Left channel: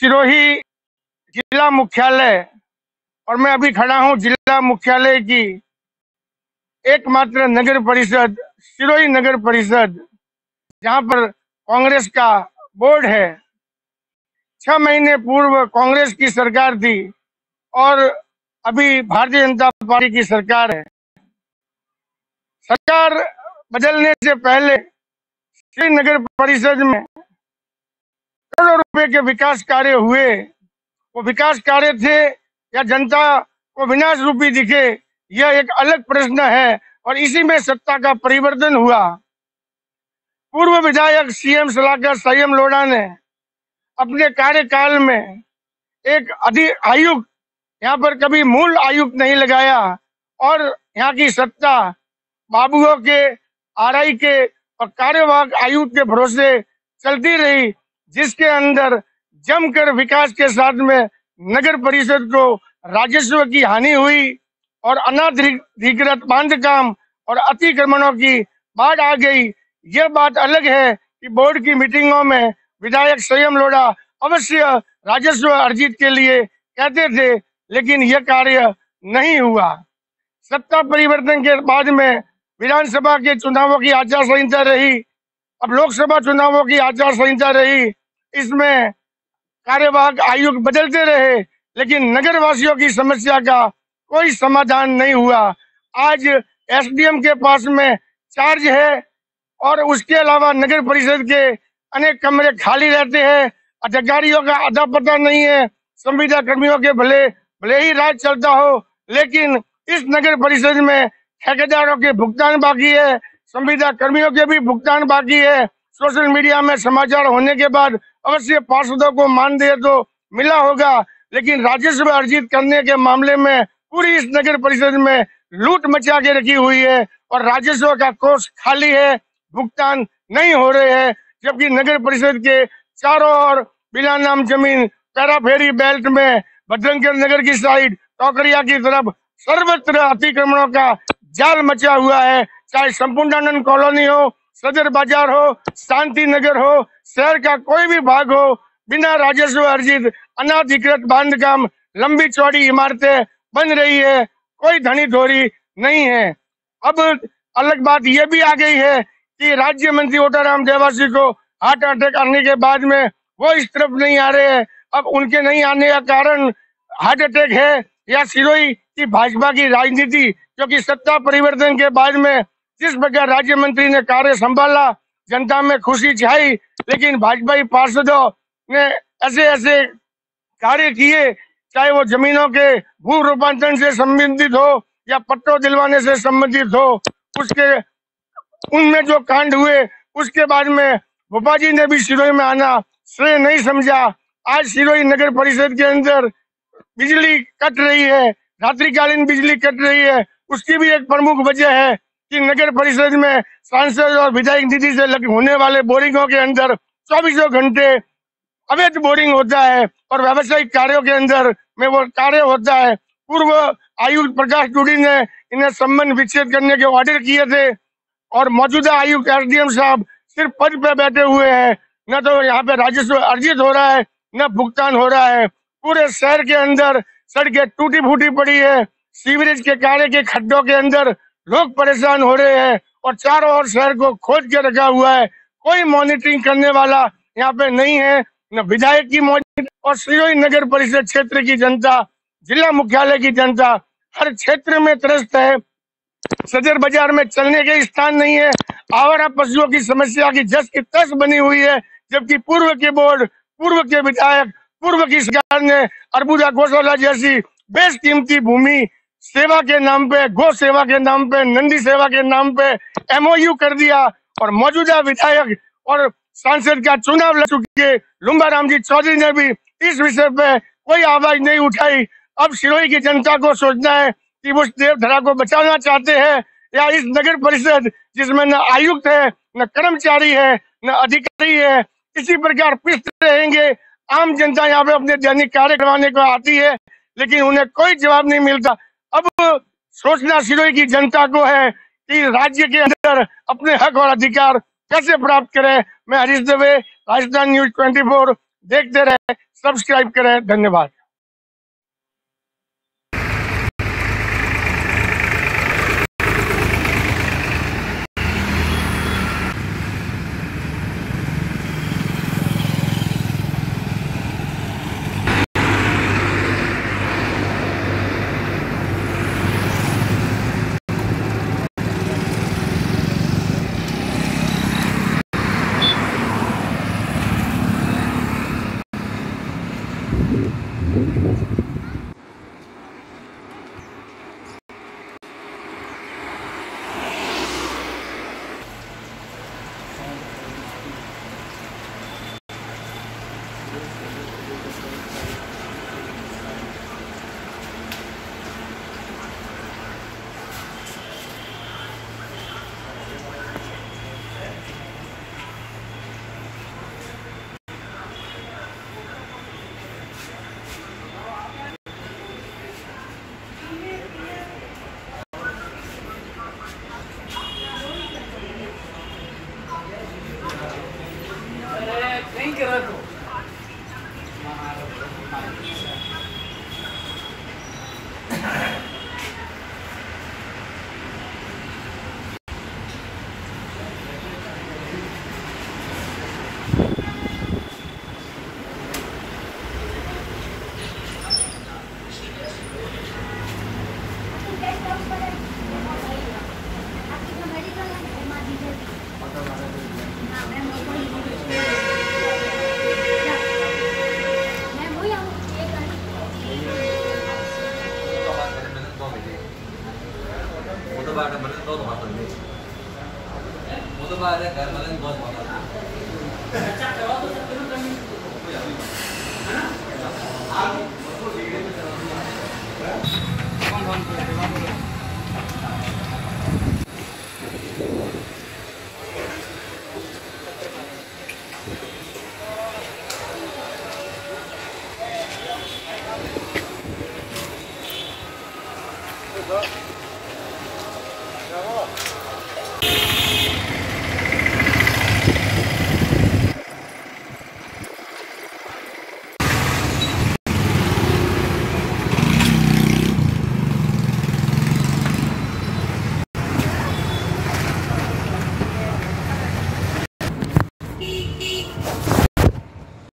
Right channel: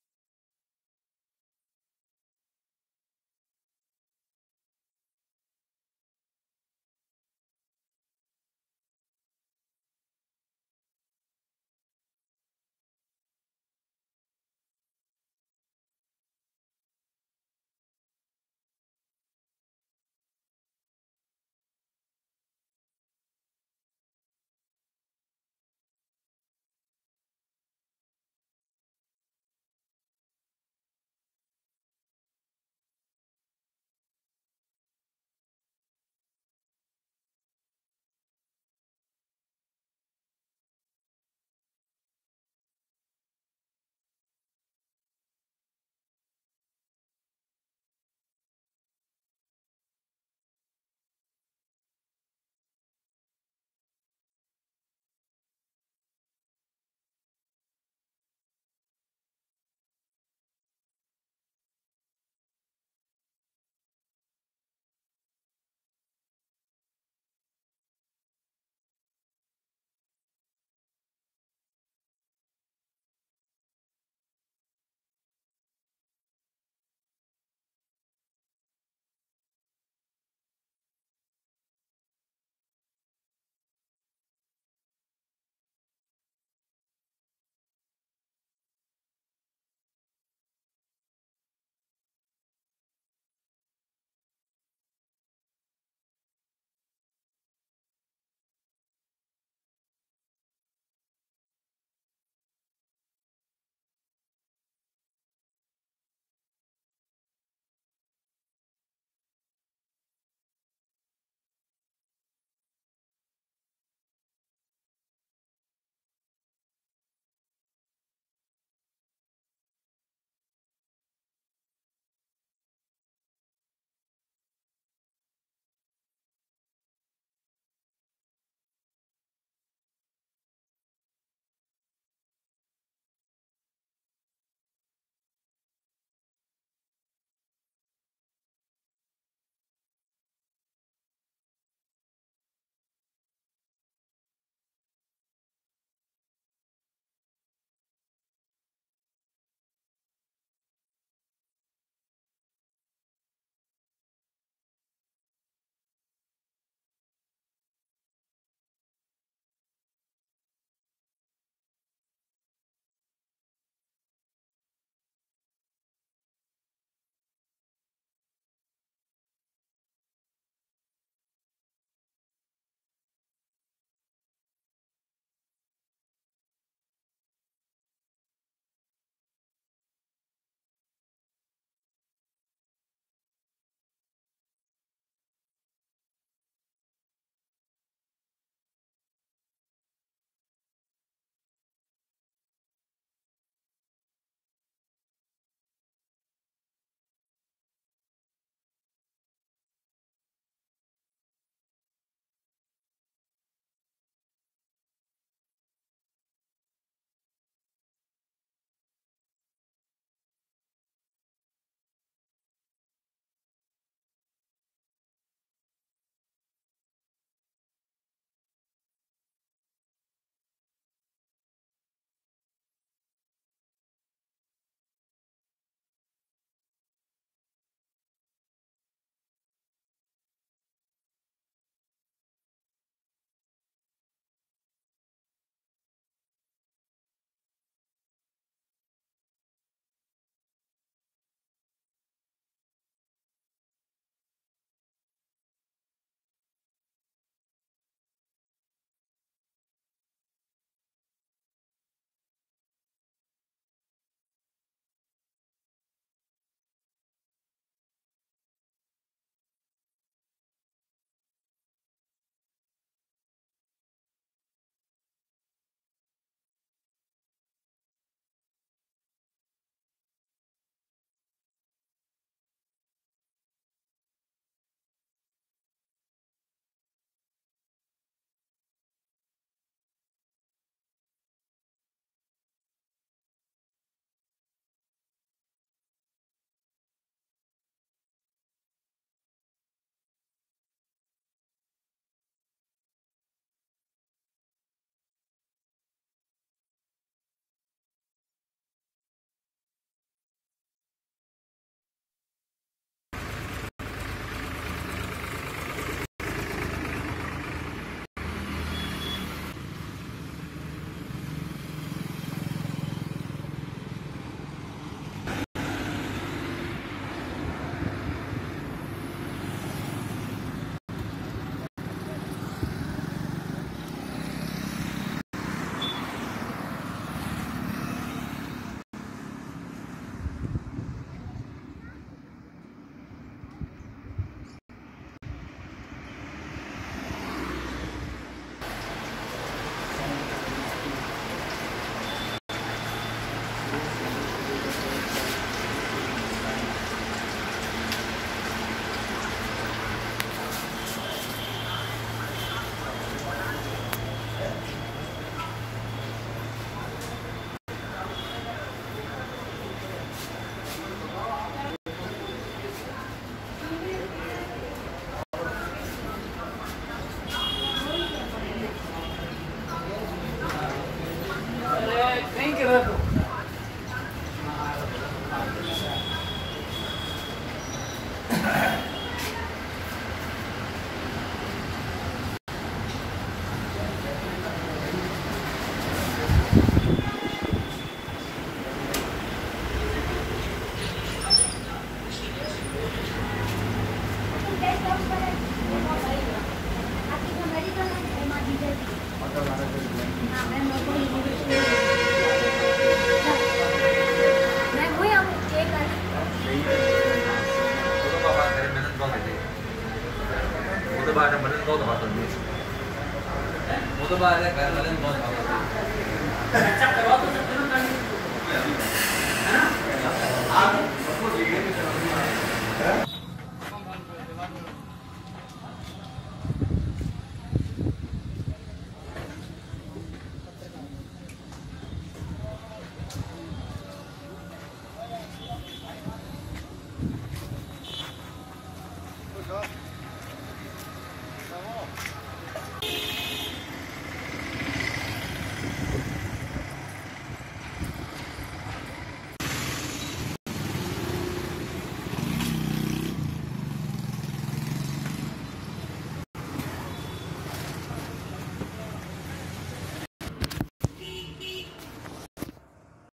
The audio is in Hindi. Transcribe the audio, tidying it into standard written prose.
सिरोही जिला मुख्यालय, और मैं अभी खड़ा हूं जिला मुख्यालय की एकमात्र नगर परिषद सिरोही नगर परिषद, जहां पर कांग्रेस का बोर्ड है। 6 महीने पूर्व कांग्रेस की सरकार थी और अभी भारतीय जनता पार्टी की सरकार है। सरकार बदलने से पहले श्री नगर परिषद में करोड़ों रुपए के विकास कार्य हुए। वो विकास कार्य थे या जनता को विनाश रूपी दिखे, यह एक अलग प्रश्न है। और इसी में सत्ता का परिवर्तन हुआ। पूर्व विधायक सीएम सलाहकार संयम लोढ़ा ने अपने कार्यकाल में एक आयुक्त, यहाँ पर कभी मूल आयुक्त नहीं लगाया और यहाँ की सत्ता बाबुओं के, आरआई के और कार्यवाहक आयुक्त के भरोसे चलती रही, जिसके अंदर जमकर विकास के साथ में नगर परिषद को राजस्व की हानि हुई और अनाधिकृत बांधकाम और अतिक्रमणों की बाढ़ आ गई। यह बात अलग है कि बोर्ड की मीटिंगों में विधायक संयम लोढ़ा अवश्य राजस्व अर्जित के लिए कहते थे, लेकिन यह कार्य नहीं हुआ। सत्ता परिवर्तन के बाद में विधानसभा के चुनावों की आचार संहिता रही, अब लोकसभा चुनावों की आचार संहिता रही। इसमें कार्यवाहक आयुक्त बदलते रहे, लेकिन नगर वासियों की समस्या का कोई समाधान नहीं हुआ। आज एसडीएम के पास में चार्ज है और उसके अलावा नगर परिषद के अनेक कमरे खाली रहते हैं। अधिकारियों का अता पता नहीं है। संविदा कर्मियों के भले ही राज चलता हो, लेकिन इस नगर परिषद में ठेकेदारों के भुगतान बाकी है, संविदा कर्मियों के भी भुगतान बाकी है। सोशल मीडिया में समाचार होने के बाद अवश्य पार्षदों को मानदेय तो मिला होगा, लेकिन राजस्व अर्जित करने के मामले में पूरी इस नगर परिषद में लूट मचा के रखी हुई है और राजस्व का कोष खाली है, भुगतान नहीं हो रहे हैं। जबकि नगर परिषद के चारों ओर बिना नाम जमीन, पैराफेरी बेल्ट में, भद्रंकर नगर की साइड, टोकरिया की तरफ सर्वत्र अतिक्रमणों का जाल मचा हुआ है। चाहे संपूर्णानंद कॉलोनी हो, सदर बाजार हो, शांति नगर हो, शहर का कोई भी भाग हो, बिना राजस्व अर्जित अनाधिकृत बांधकाम, लंबी चौड़ी इमारतें बन रही है, कोई धनी धोरी नहीं है। अब अलग बात यह भी आ गई है कि राज्य मंत्री ओटाराम देवासी को हार्ट अटैक आने के बाद में वो इस तरफ नहीं आ रहे हैं। अब उनके नहीं आने का कारण हार्ट अटैक है या सिरोही की भाजपा की राजनीति, क्योंकि सत्ता परिवर्तन के बाद में जिस प्रकार राज्य मंत्री ने कार्य संभाला, जनता में खुशी छाई, लेकिन भाजपाई पार्षदों ने ऐसे ऐसे कार्य किए, चाहे वो जमीनों के भू रूपांतरण से संबंधित हो या पट्टों दिलवाने से संबंधित हो, उसके उनमें जो कांड हुए, उसके बाद में भोपा जी ने भी सिरोही में आना श्रेय नहीं समझा। आज सिरोही नगर परिषद के अंदर बिजली कट रही है, रात्रिकालीन बिजली कट रही है। उसकी भी एक प्रमुख वजह है कि नगर परिषद में सांसद और विधायक निधि से होने वाले बोरिंगों के अंदर 24 घंटे अवैध बोरिंग होता है और व्यावसायिक कार्यों के अंदर में वो कार्य होता है। पूर्व आयुक्त प्रकाश डूडी ने इन्हें संबंध विच्छेद करने के ऑर्डर किए थे और मौजूदा आयुक्त एसडीएम साहब सिर्फ पद पे बैठे हुए हैं। न तो यहाँ पे राजस्व अर्जित हो रहा है, न भुगतान हो रहा है। पूरे शहर के अंदर सड़कें टूटी फूटी पड़ी है, सीवरेज के कार्य के खड्डों के अंदर लोग परेशान हो रहे हैं और चारों ओर शहर को खोद के रखा हुआ है। कोई मॉनिटरिंग करने वाला यहाँ पे नहीं है, न विधायक की मौजूद। और सिरोही नगर परिषद क्षेत्र की जनता, जिला मुख्यालय की जनता हर क्षेत्र में त्रस्त है। सदर बाजार में चलने के स्थान नहीं है, आवारा पशुओं की समस्या की जस की तस बनी हुई है। जबकि पूर्व के बोर्ड, पूर्व के विधायक, पूर्व की सरकार ने अर्बुदा गौशाला जैसी बेशकीमती भूमि सेवा के नाम पे, गौ सेवा के नाम पे, नंदी सेवा के नाम पे एमओयू कर दिया। और मौजूदा विधायक और सांसद का चुनाव लड़ चुके लुम्बाराम जी चौधरी ने भी इस विषय पे कोई आवाज नहीं उठाई। अब सिरोही की जनता को सोचना है कि वो देवधरा को बचाना चाहते हैं या इस नगर परिषद जिसमें न आयुक्त है, न कर्मचारी है, न अधिकारी है, इसी प्रकार पिसते रहेंगे। आम जनता यहाँ पे अपने दैनिक कार्य करवाने को आती है, लेकिन उन्हें कोई जवाब नहीं मिलता। अब सोचना सिरोही की जनता को है कि राज्य के अंदर अपने हक और अधिकार कैसे प्राप्त करें। मैं हरीश दवे, राजस्थान न्यूज 24, देखते रहे। सब्सक्राइब करें। धन्यवाद। वो तो बात है घर वाले ने बहुत अच्छा करवा तो सकते हो है ना आप